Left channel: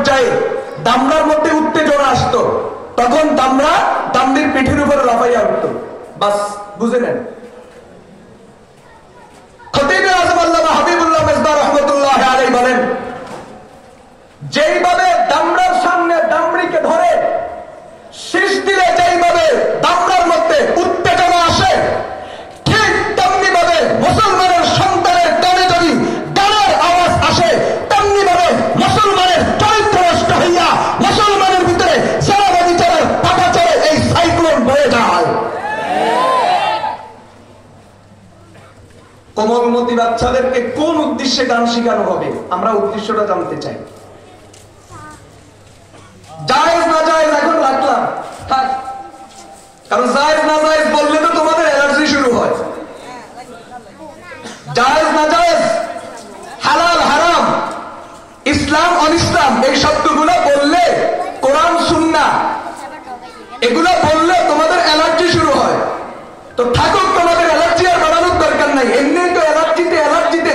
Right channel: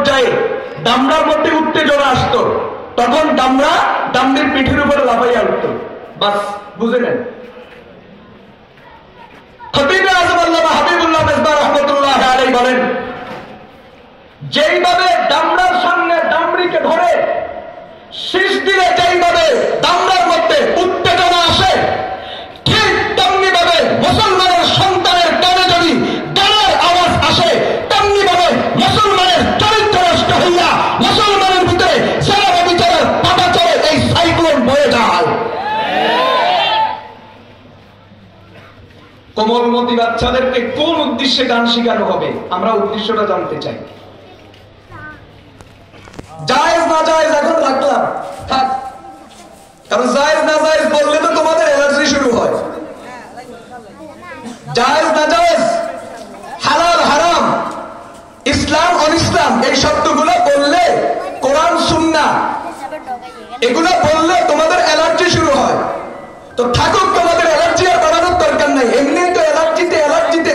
পর্যায়ে দামড়ার মধ্যে উত্তেজনা আসতো, তখন দামড়া দামড়ির পিঠের উপরে লাফাইয়া উঠত। বাস বুঝে নেন। খতিব আযম আল্লামা হাবিবুল্লাহ মেজবাহ রাহমাতুল্লাহ আলাইহি বলেন, যেইভাবে দামড়ার সামনে দামড়িকে ধরে শীষ দিলে যেইভাবে দামড়ার মধ্যে উত্তেজনা আসে, ঠিক তেমনি ভাবে মুসলমানের সন্তানের কানে যদি গানের আওয়াজ আসে, তেমনি ভাবে মুসলমানের চরিত্র নষ্ট হইয়া মুসলমানের ভিতরে যারা বিচারের পাটাচারে এই সাইক্লোন বয়ে যায়। কোমলমতি বাচ্চাদেরকে কোন উদ্দেশ্যে গান শেখানো হবে, আমরা উদ্দেশ্যটা জানতে চাই। জায়েজ না জায়েজ এখন রাখলাম থাক, কারণ জায়েজ না জায়েজ বললে তো তোমাদের অ্যালার্জি শুরু হয়। জায়েজ না জায়েজ, হালাল হারাম, ইসলাম অনিসলাম, এই শব্দগুলো বললে, কোরআন সুন্নাহ এগুলো বললে তোমাদের অ্যালার্জি শুরু হয়। তো ঠাকুর তোমাদের অ্যালার্জি আর বাড়ানোর দরকার নাই, এমনি তো অ্যালার্জিতে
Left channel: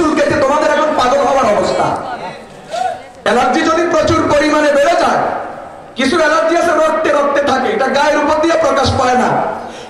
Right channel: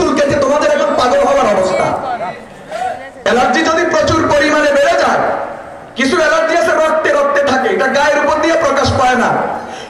চুলকেতে তোমাদের এখন পাগল হওয়ার অবস্থা। অ্যালার্জি যদি প্রচুর পরিমাণে বেড়ে যায়, কিছু অ্যালার্জি আছে রক্তে রক্তে থাকে, এটা গায়ের উপর দিয়ে প্রকাশ পায় না।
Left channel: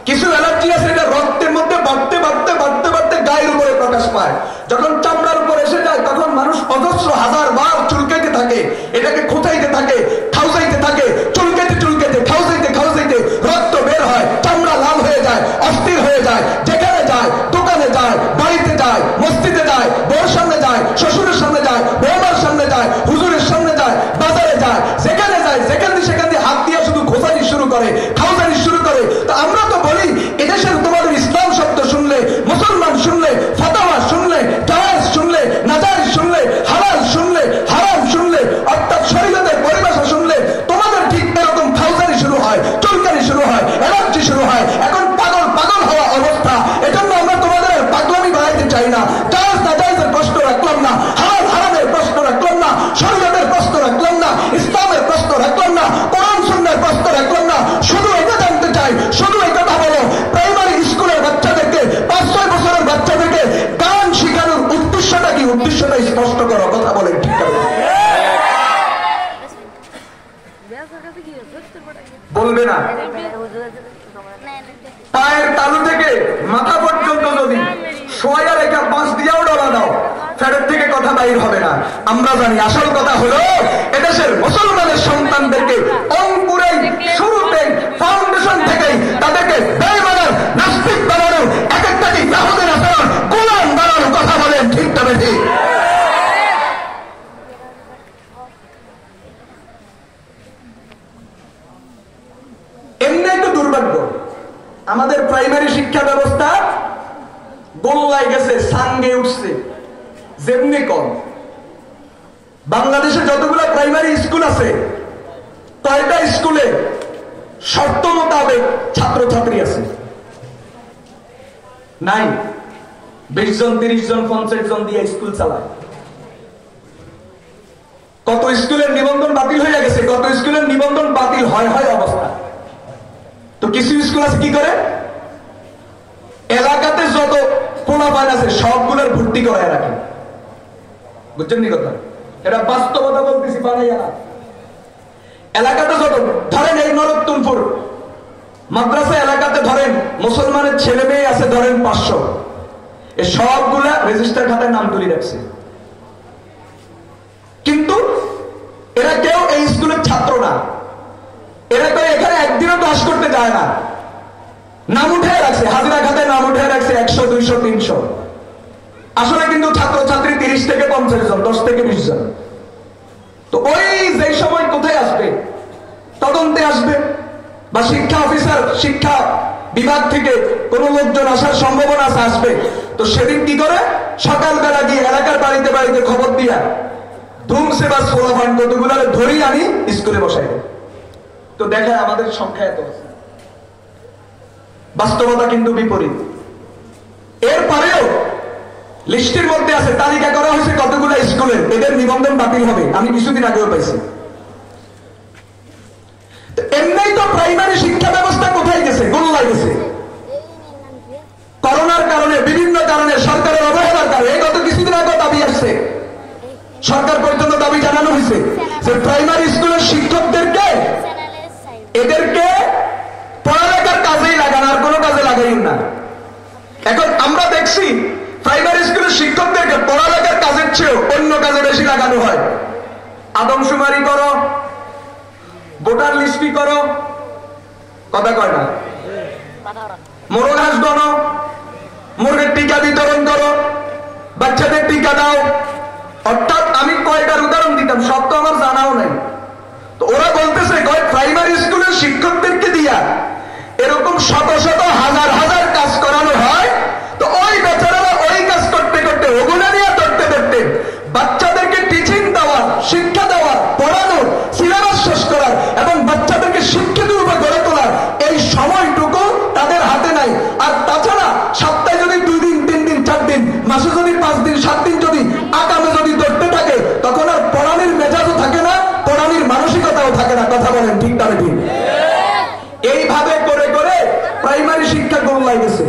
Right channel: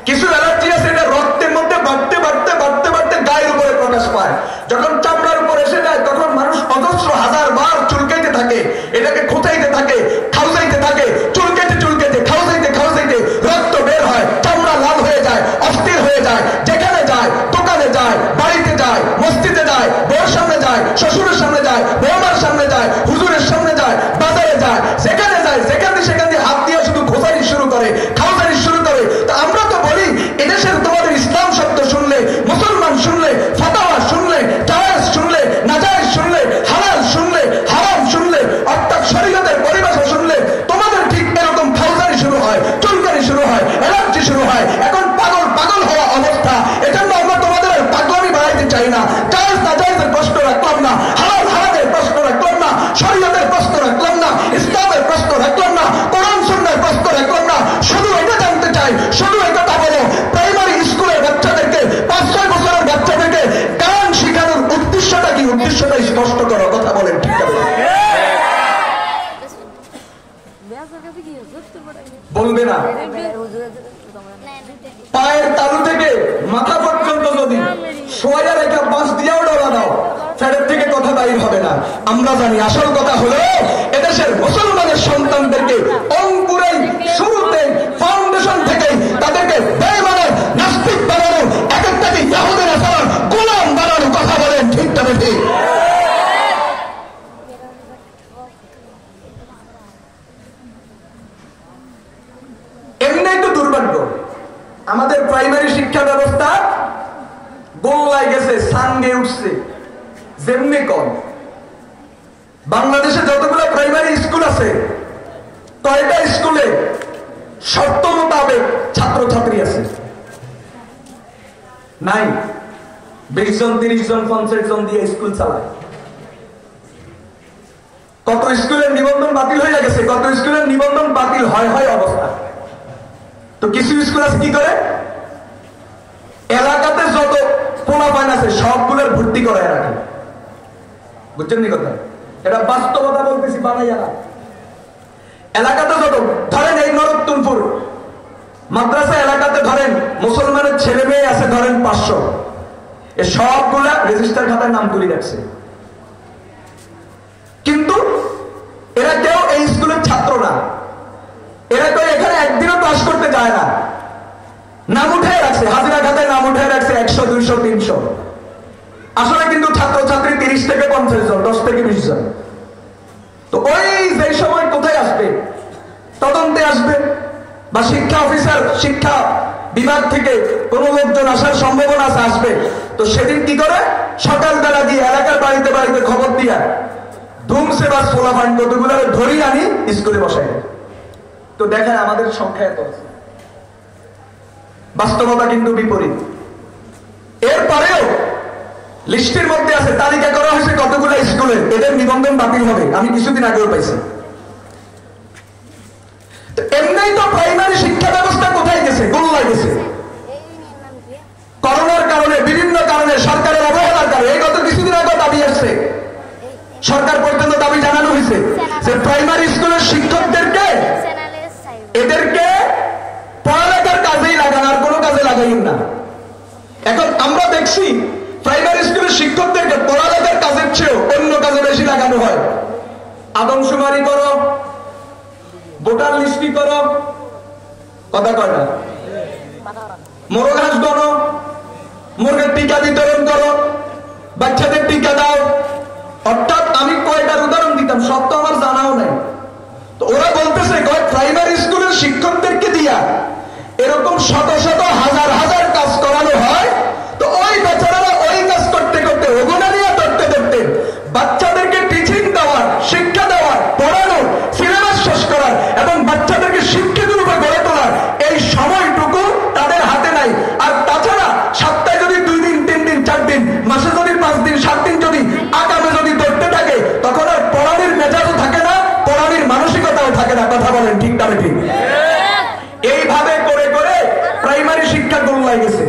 কিছু অ্যালার্জি আছে এটা রক্তের মধ্যে বাড়তে বাড়তে বাড়তে বাড়তে গায়ের উপরে প্রকাশ পায়। যখন চামড়ার উপর এসে যায় তখন মানুষ অজস্র হাজার বার চুলকাইতে থাকে, এটাকে খোঁচাইতে থাকে, খাউসাইতে থাকে, চুলকেতে খাউসাইতে রক্ত বের হয়, চামড়া লাল হয়ে যায়, অস্থির হয়ে যায়। যেখানে যায়, দোকানে যায়, বাড়িতে যায়, মসজিদে যায়, বউর সামনে যায়, শ্বশুরের সামনে যায়, বৌমার সামনে যায়, হুজুরের সামনে যায়, বাজারে যায়, যেখানে যায় সেখান দিয়ে হাত দিয়ে শুধু খোঁচানি শুরু করে, খাউসানি শুরু করে। তো আমরা তো বলি এদেশের তোমাদের ইসলাম শব্দ শুনলে, মুসলমান শুনলে, ফাতাওয়া শুনলে, জায়েজ শুনলে, নাজায়েজ শুনলে, হালাল শুনলে, হারাম শুনলে, অর্থাৎ শরীয়তের পরিভাষা শুনলে তোমাদের ঠিক এরকম খাউসানি শুরু হয়, চুলকানি শুরু হয়, অ্যালার্জি শুরু হয়। এখন পাগল হওয়া অবস্থা। এজন্য আমরা তোমাদের পাগলামি বাড়াইতে চাই না। জায়েজ নাজায়েজের প্রশ্ন রাখলাম না, হালাল হারামের প্রশ্ন রাখলাম না, শরীয়তের প্রশ্ন রাখলাম না, ইসলামের প্রশ্ন রাখলাম না, কোরআন সুন্নাহর প্রশ্ন রাখলাম না। শুধু এটা জানতে চাই, শুধু এই কথা বলো, প্রাইমারি স্কুলের বাচ্চাদেরকে, 5-6 বছরের বাচ্চাদেরকে গান শেখানোর উদ্দেশ্যটা কি? উদ্দেশ্যটা স্পষ্ট করো, কথা বলেন, ঠিক আছে? বলবে না। পায়ের তালু থেকে মাথা পর্যন্ত যদি সোয়া রেখা বাঁশ দিয়েও ডলা দাও, ফেরত থেকে কথা বাইর হবে না। আমরা জানি আসল কথা হলো এদেশের মুসলমানের সন্তানদেরকে অঙ্কুরেই, শুরুতেই, ফাউন্ডেশন থেকেই তাদেরকে বেঈমান, নাস্তিক বানানো, এক একটাকে ইহুদি নাসারার গোলাম বানানো। কথা বলেন, ঠিক তবে ঠিক? এমনি তো দুর্ভাগ্য, আমাদের প্রাইমারি শিক্ষা ব্যবস্থা গোল্লায় গেছে, সাঙ্গে উঠছে, যেমনি কম। বাংলাদেশে যতগুলো প্রাইমারি স্কুল আছে, কয়টা স্কুলে শর্ত মোতাবেক ছাত্রছাত্রী আছে? নাই। 20 জন, 30 জন, 50 জন দিয়ে স্কুল চালায়। কত স্কুলের নিবন্ধন বাতিল হয়ে গেছে, কত স্কুলের নিবন্ধন বাতিল হয় অবস্থা। তো কিছু স্কুল আছে কি করে, এলাকাতে যত পোলাপান আছে সবগুলোর ভর্তি করায় রাখে। বুঝছেন নি কথা? এটা বাস্তবতা বলতেছি, বানাইয়া না। এলাকাতে যত, ধরেন এই নরোত্তমপুর মাদ্রাসা এলাকাতে ধরেন মুসলমানের ছেলে মেয়ে আছে ধরেন 500, এ সবগুলা রেজিস্টার খাতায় নাম তুলে রাখছে, কিন্তু এরা কেউ এই স্কুলের ছাত্র না। এরা তো এখানে একদিনও ক্লাস করতে যায় না, নাম উঠে রাখছে, হাজিরা খাতায় নাম উঠে রাখছে 100, 200, 300। আসলে কিন্তু ছাত্রছাত্রী 30 থেকে 50 জন, 10 থেকে 20 জন। তো ওই যে সময় কোথায় আসবে, তদন্তে আসবে, বা শিক্ষা অফিসার, শিক্ষা বিভাগ থেকে কোন লোকজন আসার সম্ভাবনা আছে, আসবে। তো সেদিন কি করে, সকালবেলা গিয়ে এলাকার বাড়িতে বাড়িতে খবর দিয়া ধুমসে বা সোলাফাইন কতগুলো ধরি আনি স্কুলে বসাই। তো দেখায় আমাদের সংখ্যা এত আছে, বাস্তবতা কিন্তু বিপরীত। এরপরেও লিস্টের মধ্যে আছে, তালিকা করা হয়েছে কতগুলো স্কুলের, এদের নিবন্ধন বাতিল হবে। আমি কিছুদিন আগেও পাইছি। তো এমনি তো প্রাইমারি শিক্ষা ব্যবস্থা কোথায় গেছে, গোল্লায় গেছে। করোনার কারণে, বিভিন্ন কারণে, সরকারের অবহেলার কারণে, এই গত কিছুদিন আগে দাবি আসছে সরকার পর্যন্ত দাবি জানানো হয়েছে যে প্রাইমারি স্কুলের শিক্ষকদেরকে এদেরকে পড়ালেখার কাজেই লাগানো, আর কোনো কাজে লাগাইন না। এখন আমরা দেখছি প্রাইমারি স্কুলের শিক্ষকদেরকে পড়ালেখার কাজের চেয়েও অন্য কাজে বেশি লাগানো হয়। আদমশুমারি করো, ভোটার লিস্টি করো, কথা কয় না, মোরগ হাঁস গণো, মুরগের টিকা বিতরণ করো, বাচ্চাদের টিকা দাও। অর্থাৎ আমি কয়টার উদাহরণ দিতাম, সব তো আমার জানাও নাই। তো ওরা বলতেছে প্রাইমারি স্কুলের শিক্ষকদেরকে দিয়া এরকম শত শত হাজার হাজার কাজ করানো হয়। তো ওই বেচারারা ওই কাজ করতে করতে ওগুলা নিয়ে ধরতে ধরতে বাচ্চাদেরকে টিচিং দেওয়ার, শিক্ষা দেওয়ার, পড়ানোর, সিলেবাস শেষ করার এবং বাচ্চাদেরকে শিক্ষিত রূপে গড়ে তোলার এই সময়টুকু তাদের হাতে নাই। আর তাছাড়া সপ্তাহে যদি 2 দিন 3 দিন 4 দিন, মাসে যদি 5 দিন 7 দিন যদি আকামে যদি ধরতে থাকে, তখন আর পড়ানোর মেজাজও থাকে না, পড়ানোর মানসিকতাও থাকে না। কথা বলেন ঠিক না ঠিক? এইভাবে করে করে প্রাইমারি শিক্ষা গোল্লায় গেছে।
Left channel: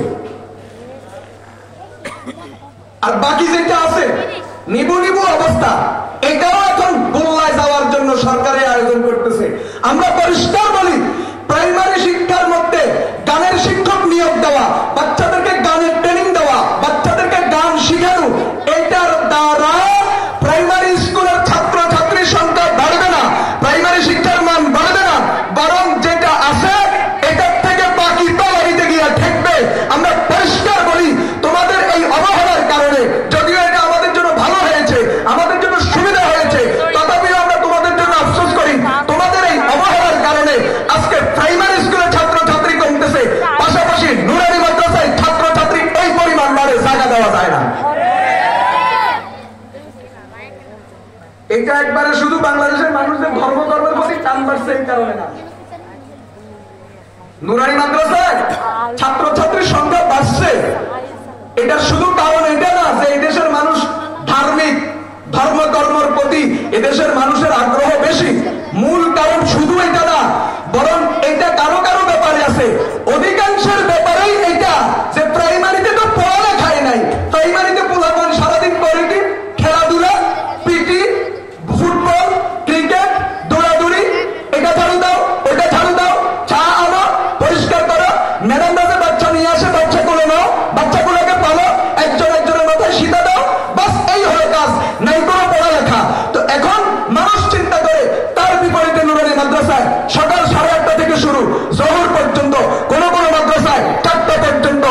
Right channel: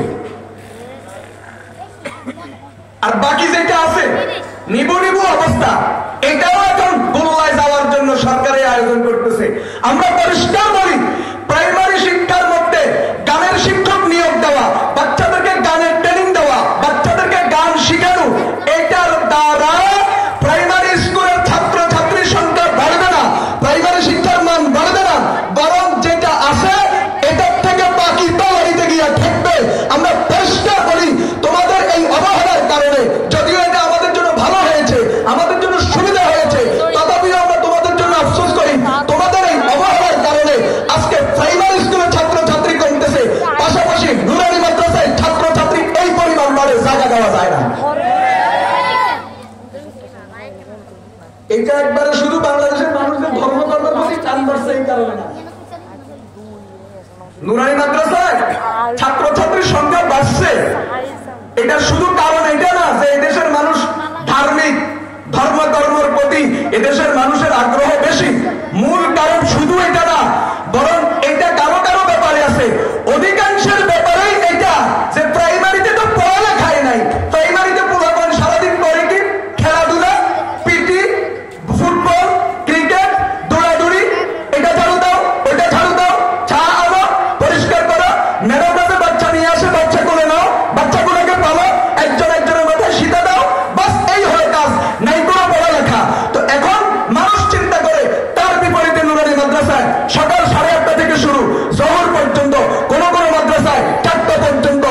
আর বাকি যেটা আছে নিবু নিবু অবস্থা, এটাও এখন গোল্লায় যাওয়ার জন্য সরকারের আয়োজন করতেছে। আমরা পরিষ্কার বলি, প্রাইমারি শিক্ষার মধ্যে গানের শিক্ষক নিয়োগ দেওয়া, বাচ্চাদেরকে গানের ট্রেনিং দেওয়া, বাচ্চাদেরকে গান শিখানো, এটার দ্বারা প্রাইমারি স্কুলের ছাত্র ছাত্রীর সংখ্যা বাড়বে না, প্রাইমারি শিক্ষার মান বাড়বে না, বরং যেটা আছে এটার থেকে বাকি তলারিতে গিয়ে ঠেকবে। আমরা পরিষ্কার বলি, তোমাদের এই অবহেলার কারণে, যদিও এটা আমাদের জন্য ভালো হয়েছে, আমাদের জন্য সুবিধা হয়েছে, তথাপিও আমরা তোমাদের জন্য আফসোস করি। তোমাদের এই অবহেলার কারণে আজকে প্রাইমারি স্কুলের ছাত্র ছাত্রী কমতেছে, পাশাপাশি নুরানি মাদ্রাসায় ছাত্র ছাত্রী ওই পরিমাণ বাড়ে, জায়গা দেওয়া যায় না। এটা একবারে শুধু বাংলাদেশের মানুষদের ধর্ম কর্মের প্রতি টান বাড়ছে এই কারণে না। নুরানি মাদ্রাসায় ছাত্রছাত্রীর সংখ্যা বাড়ছে, এটা শুধু কারণ এটা না যে এদেশের মানুষ ধার্মিক, ধর্ম কর্মের প্রতি এদেশের মানুষের আগ্রহ বেশি। মূল কারণ শুধু এটা না, বরং এটা কারো কারো ব্যাপারে আছে, অধিকাংশের ব্যাপারেই এটা যে প্রাইমারিতে তো পড়ালেখায় নাই। প্রাইমারিতে পোলাপান সারাদিন করে কি? খেলাধুলা, পিটি, ফুটবল, ক্রিকেট, দৌড়াদৌড়ি, এটা ঝাড়ু দাও, ওটা ঝাড়ু দাও, চা আনো, পরিষ্কার করো, ম্যাডাম বাসে বাচ্চা নিয়ে আসে, বাচ্চা কোলে নাও, বাচ্চাগুলোকে পালো, একজন একজনের মাথায় শীতা দাও, বাস এই হলো কাজ, নাই কোনো পড়ালেখা। তো এখন মানুষ চিন্তা করে তার বিপরীতে নুরানি মাদ্রাসায় সকাল 8:30 থেকে শুরু, জোহর পর্যন্ত, কোন কোন মাদ্রাসায় 4টা পর্যন্ত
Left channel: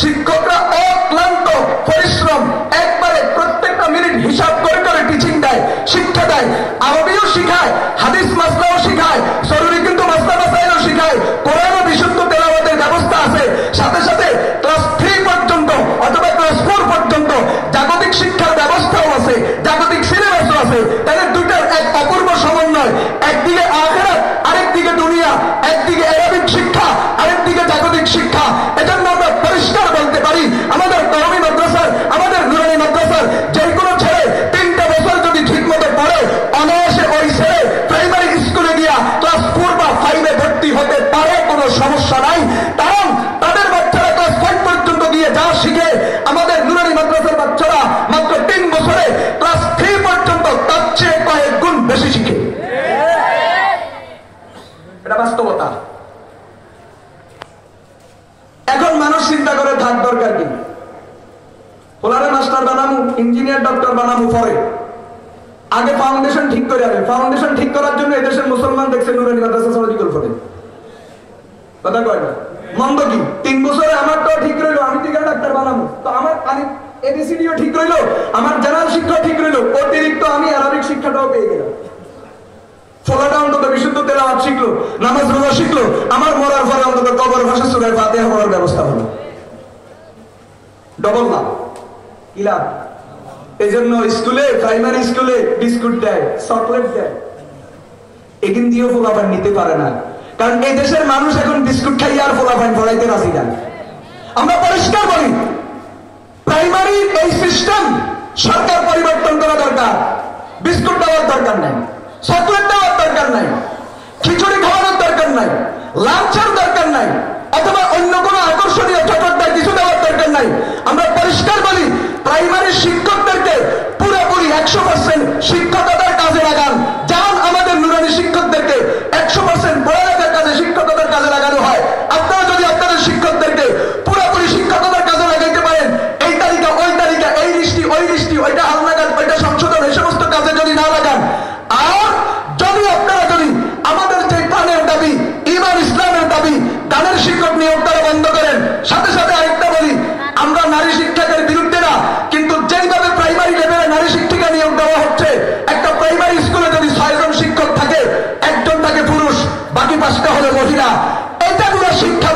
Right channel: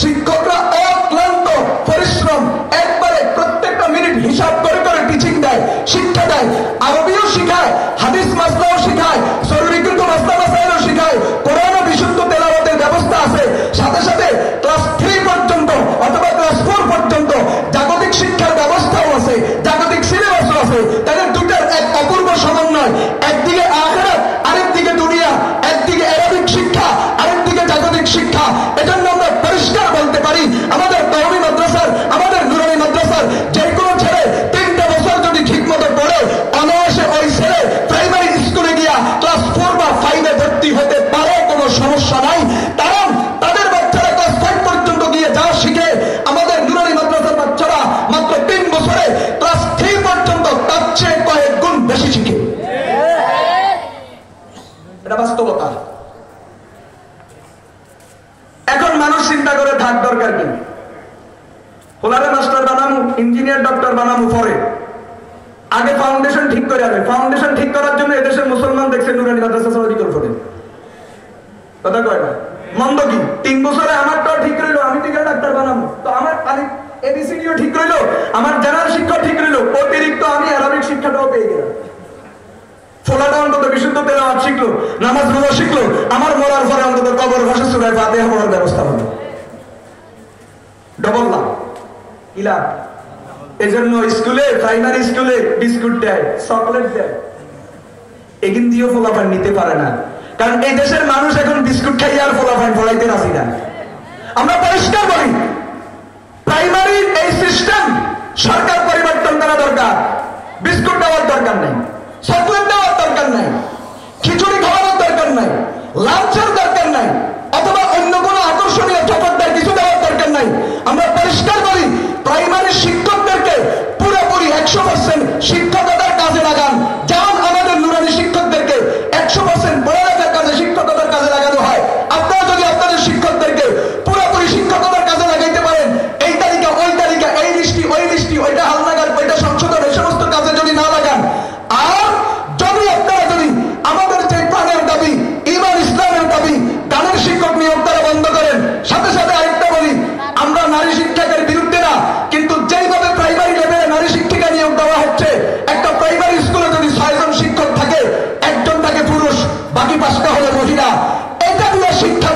শিক্ষকরা অক্লান্ত পরিশ্রম, একবারে প্রত্যেকটা মিনিট হিসাব করে করে টিচিং দেয়, শিক্ষা দেয়, আরবিও শিখায়, হাদিস মাসলাও শিখায়, জরুরি কিন্তু মাসলা মাসাইলও শিখায়, কোরআনও বিশুদ্ধ তেলাওয়াতের ব্যবস্থা আছে, সাথে সাথে ক্লাস 3 পর্যন্ত অথবা ক্লাস 4 পর্যন্ত জাগতিক শিক্ষার ব্যবস্থাও আছে, জাগতিক সিলেবাসও আছে। তাদের দুটার এক অপূর্ব সমন্বয়, একদিকে আখিরাত, আরেকদিকে দুনিয়া, একদিকে আরবিক শিক্ষা, আরেকদিকে জাগতিক শিক্ষা। এজন্য আমরা পরিষ্কার বলতে পারি, আমাদের কওমি মাদ্রাসার, আমাদের নুরানি মাদ্রাসার যে কোনো ছেলে 3টা বছর যদি ঠিক মতো পড়ে, অনায়াসে ওই ছেলে প্রাইমারি স্কুলে গিয়া ক্লাস 4 বা 5-এ ভর্তি হতে পারে, কোনো সমস্যা নাই। কারণ তাদের বাচ্চারা ক্লাস 5 পর্যন্ত গিয়ে যা শিখে, আমাদের নুরানি মাদ্রাসার বাচ্চারা মাত্র 3 বছরে ক্লাস 3 পর্যন্ত তার চেয়ে কয়েক গুণ বেশি শিখে। এটা বাস্তবতা। এখন মানুষ চিন্তা করে থাক দরকার কি, ওনারা মাস্টার বানাবো, ইঞ্জিনিয়ার, ডক্টর বানাবো পরে, আগে ফাউন্ডেশন ঠিক করে যাবে। ফাউন্ডেশন ঠিক করার জন্য এদেশের মুসলমান দেখছে নুরানি মাদ্রাসা সমাজিকল করে, কথা কয় না? মন্দ কি? 3 বছরে আমারটাও ঠিক রইলো, আমি ঠিক ডাক্তার বানাবো, তো আমার এবিসিডিও ঠিক রইলো, আমার জেনারেল শিক্ষা ঠিক রইলো, অতিরিক্ত আমি আরবিক শিক্ষাটাও পেয়ে গেলাম। ফোলাটা অন্তত বিশুদ্ধ তেলাওয়াত শিখলো, নামাজ রোজা শিখলো, আমার মরার পরে অন্তত কবর ভাষা সূরা ফাতিহা পড়ার ব্যবস্থা হলো। ডবল লাভ, কি লাভ? এজন্য স্কুলে, প্রাইমারি স্কুলে বিস্কুট দেয়, চকলেট দেয়, এখান দিয়েও ফলাফল নিতে পারে না। কারণ এই দেশের মানুষ এখন বিস্কুট খাইয়ে আর ফলাফল ফলাইতে রাজি না। আমরা পরিষ্কার বলি, প্রাইমারির এই সিস্টেম সরকার পরিবর্তন করা দরকার। বিস্কুট দেওয়ার দরকার নাই, চকলেট দেওয়ার দরকার নাই, খিচুড়ি খাওয়ানোর দরকার নাই, লাঞ্চের দরকার নাই, অথবা অন্য কোনো আকর্ষণীয় চটকদার কিছু দেওয়ার দরকার নাই। আমরা পরিষ্কার বলি, প্রাইমারি শিক্ষকদেরকে পুরোপুরি 100 100% শিক্ষকতার কাজে লাগান। যেমন আমাদের নুরানি শিক্ষকদেরকে 100% পড়ালেখার কাজে শিক্ষকতার কাজে লাগানো হয়, আপনারা যদি আপনাদের শিক্ষকদেরকে পুরোপুরি শিক্ষকতার কাজে লাগাইতে পারেন, এই তালিকা ওই তালিকা, এই লিস্টি ওই লিস্টি, ওইটা হালনাগাদ ওইটা সংশোধন, এই সমস্ত কাজে যদি না লাগান, আর যদি আপনারা যদি আমাদের যে প্রাণের দাবি ইমান ইসলামের দাবি গানের শিক্ষক নিয়োগ করা বন্ধ করেন। সাথে সাথে আরেকটা বলি, আমরা নারী শিক্ষকের বিরুদ্ধে না, কিন্তু যেইভাবে প্রাইমারি লেভেলে নারী শিক্ষিকা নিয়োগ দেওয়া হচ্ছে, একটা প্রাইমারি স্কুলে যদি 6 জন শিক্ষক থাকে, একজন থাকে পুরুষ, বাকি 5টা হলো মহিলা, এটা দিয়ে শিক্ষা